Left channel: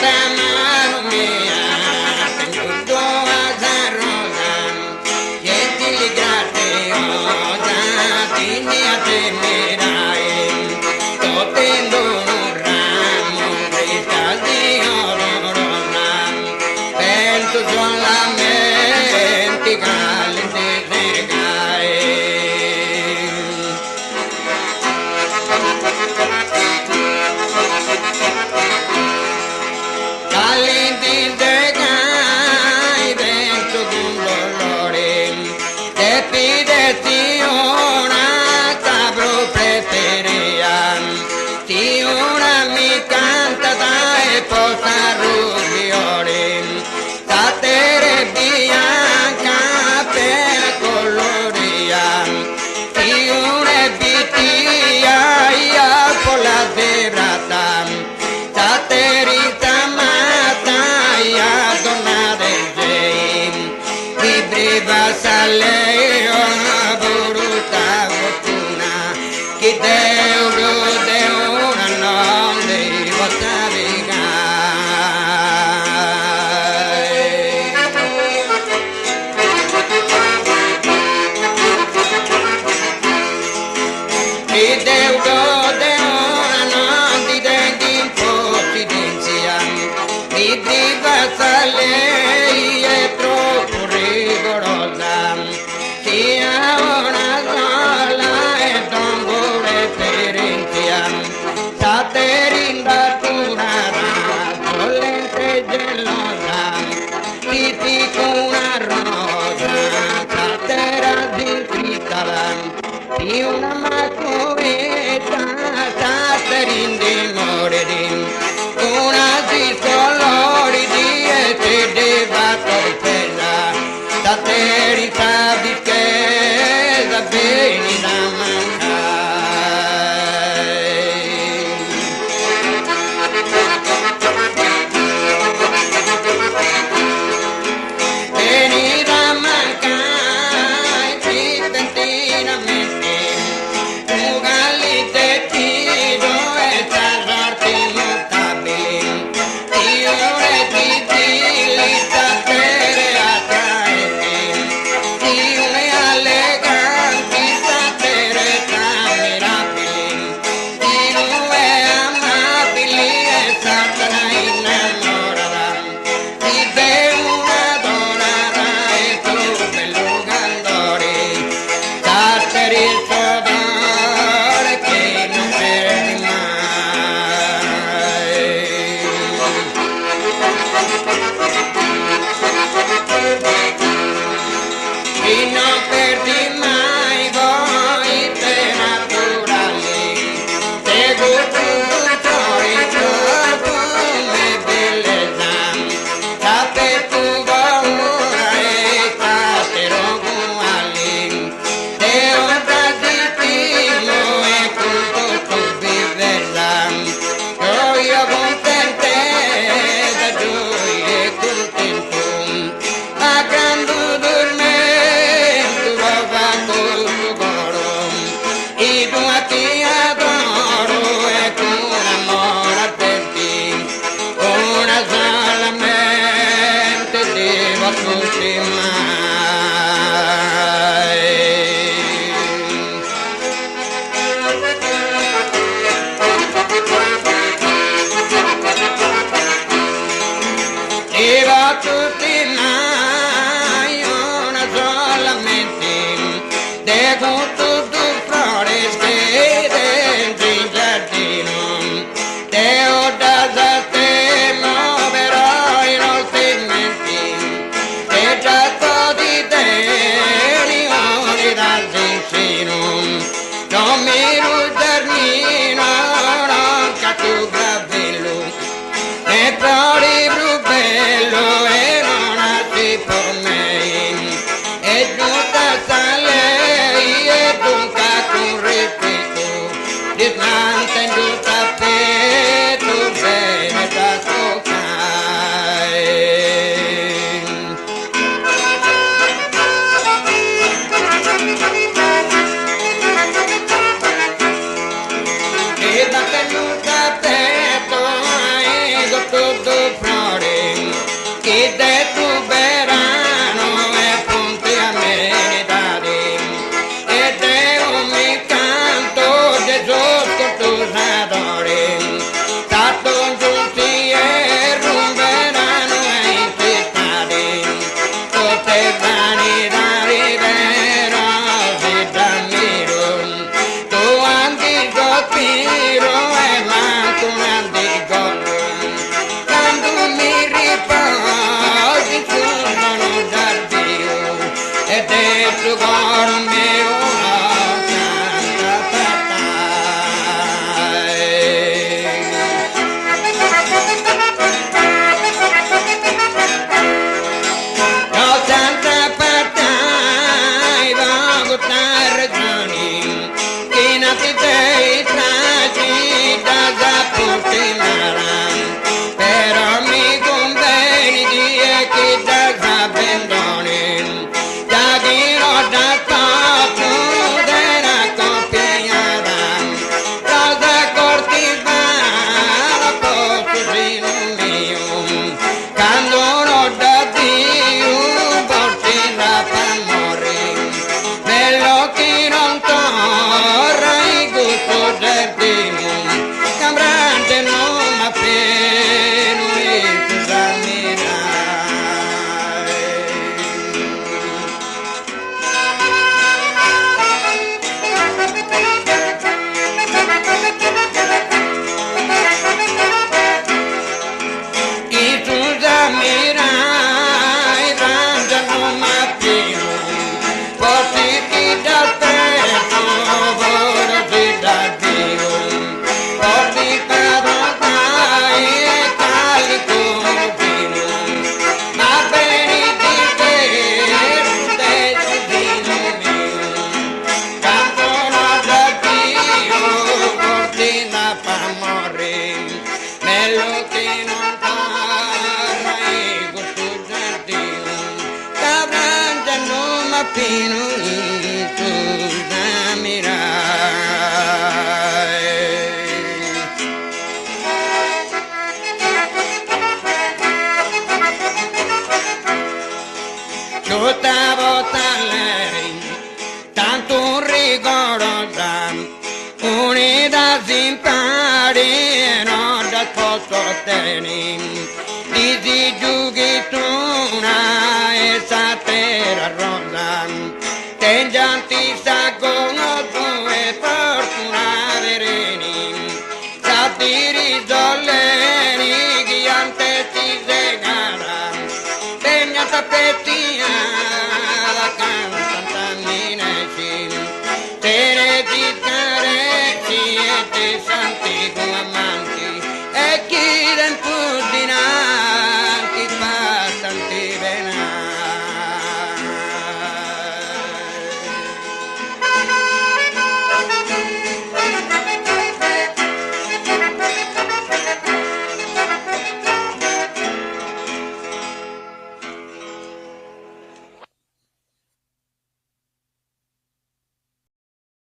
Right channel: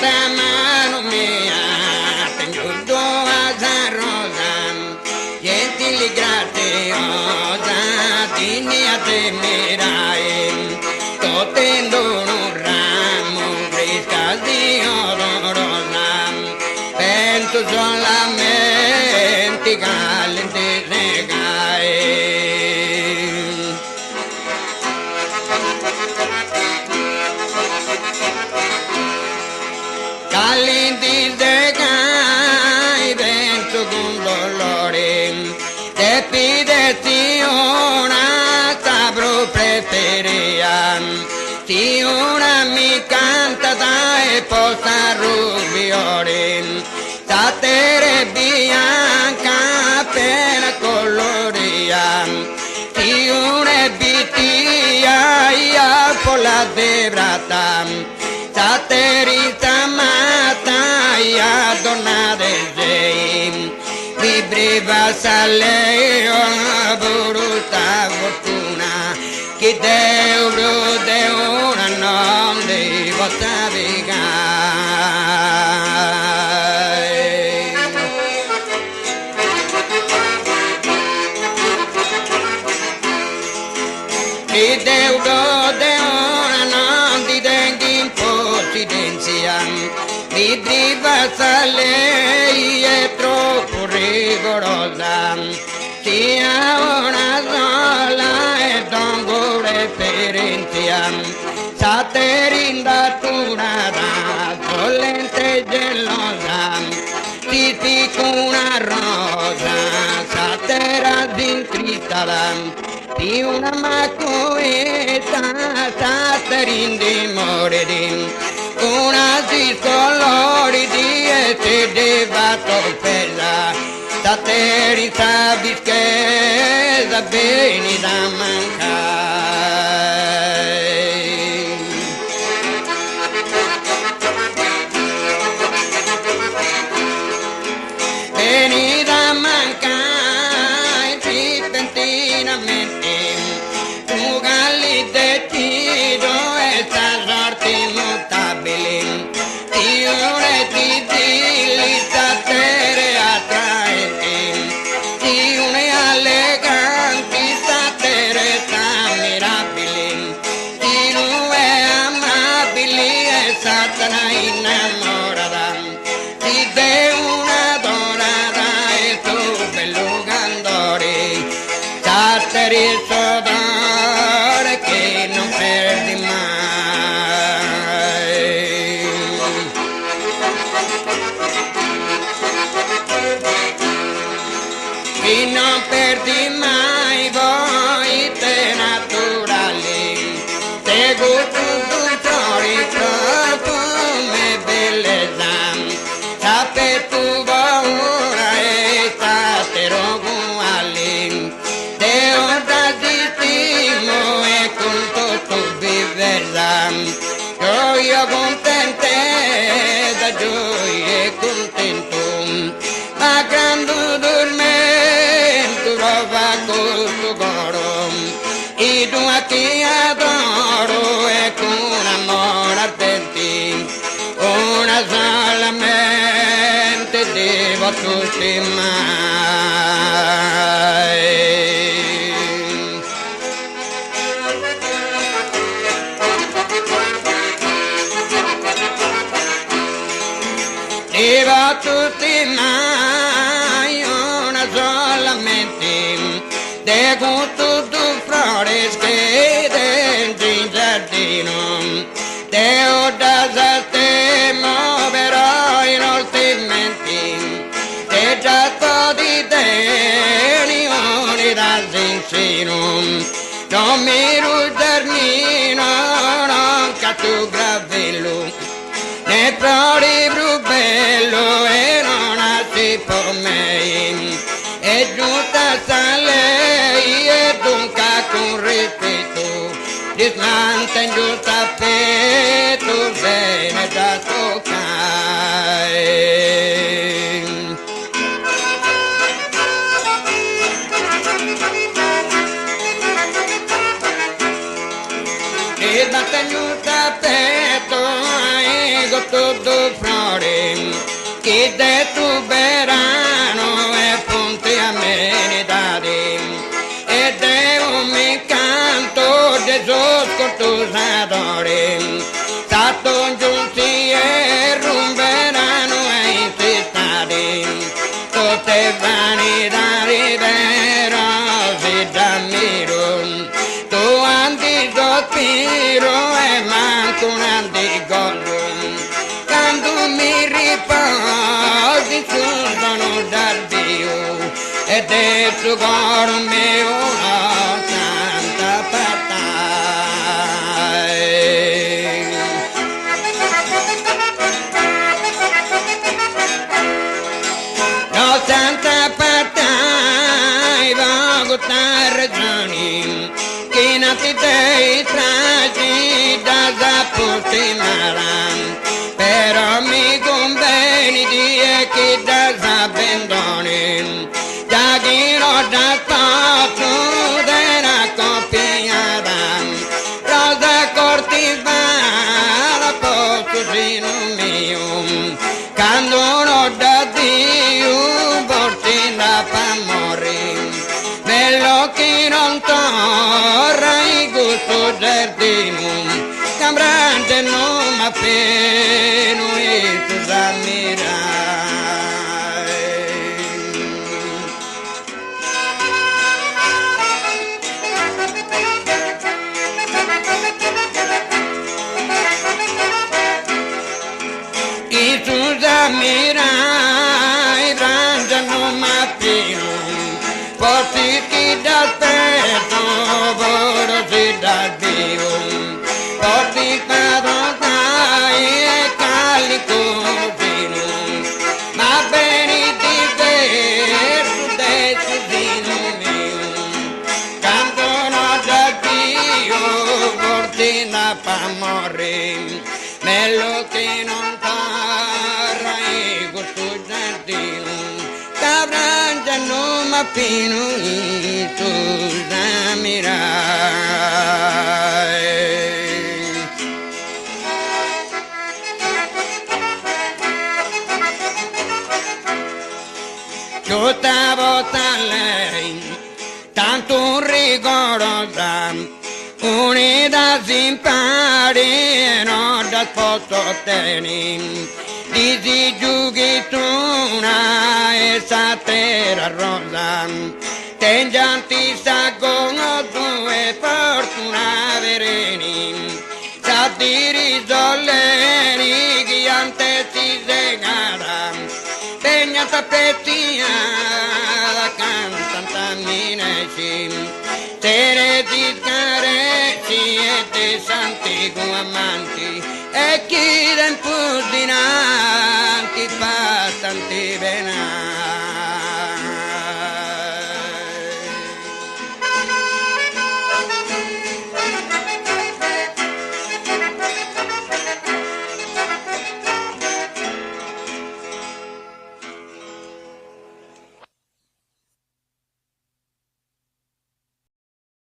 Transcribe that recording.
mano mia, tengo a rosa, gentili graziosa, digni a tenerai, totendo un ramo, questa Dio rosa, penso solamente calente segai. Calenti segai, penso con dolore, te pidesti una tabro preferia, ti ora mi canta dai posta rubiore, satere bianca per coloria, ti una bitia ia pola derrata, saterita mata ia donna del gei, vibreva sale una bruta fortuna, che Deus de una non devo savigare. Che Deus de una non ti degli impossidenza, mi priva lei è troppo rigorosa, sia una sola e dongo referenza, saterinda tunara, dolente gelosa, ti dico una rosa, satera d'incritala, di una macoeta, saterinde morerin, una si soloridi e te deva colpella, saterita bischesa beni da mancare. Beni da mancare, cipentinamente, tu galli te tido e salvarti notabili, io re ti dili satere attraenti, ti une alleganti satere ammirabili, ti due amabili e satana innamorata, ti de una donara e tu bello gandori, sateri il sodore che non perdi mai. E non perdi mai voi te naturali, te gusto come bellezza, sape tu paura e tatero uguali, te onda distingo e culto tu viverla, gioia contente da gioia e contento, a grande dormento lo fa col tuo coro, e tu a ti adoro e con amore a te, una solamente devo a tutti mai. Devo a tutti mai, una solamente, de gusto tu flores che dentro in giardino, te ho da te muoverò in altrimenti, te tratto di te, rione dal vicino, non mi rudarmino, non caccio gravello, ne flori brubello e non assi per me, e giunta sta lei e dunque con rispetto, dismanta in giunta petto, bene da toccare. E da tenuta petto, ego tutto fuori, chi de tu verano e punti a meritare, ed è un mi canto Gesù con tu adori, stato giunti e rumberanno e infestati, tutte vanità rivero si d'ammiro, tu antisospiro e manco un anticorpo, quando mi riposi sul dono dal Dio, ed è tu cor mio canta per te. Io canta per te, vago tra ragioni, che nati dei tragi da zapputi maran, però mi conviene dire che da zappendoni, da dirò da poco della copiata, rosa cortivana, posto sino mio, quando non da Dio, porti la pamore, bello che non torna il gusto del primo, cambrante non m'appeno e tu s'ammirai. E tu s'ammirai, rangia non m'appeno, porti chi dal petto, vorrei da Dio, porti padronai e calico fino, ma bene di te, destino mio, canto no da Dio, porti la pamore, mello che non parla e gusto giardino, cabrante non m'appino e tu s'ammirai. Tutta volta lei, tanto rigorosa, unita simpati e non da posto tenere, dici giughi tu una e satera rosa, tengianti sagono due fortuna vereni, satiri zolleni, ghiante si segara, tegna tappettia, la cantanta mineci, tere di carezzi e dei santi amanti, e chi den puddina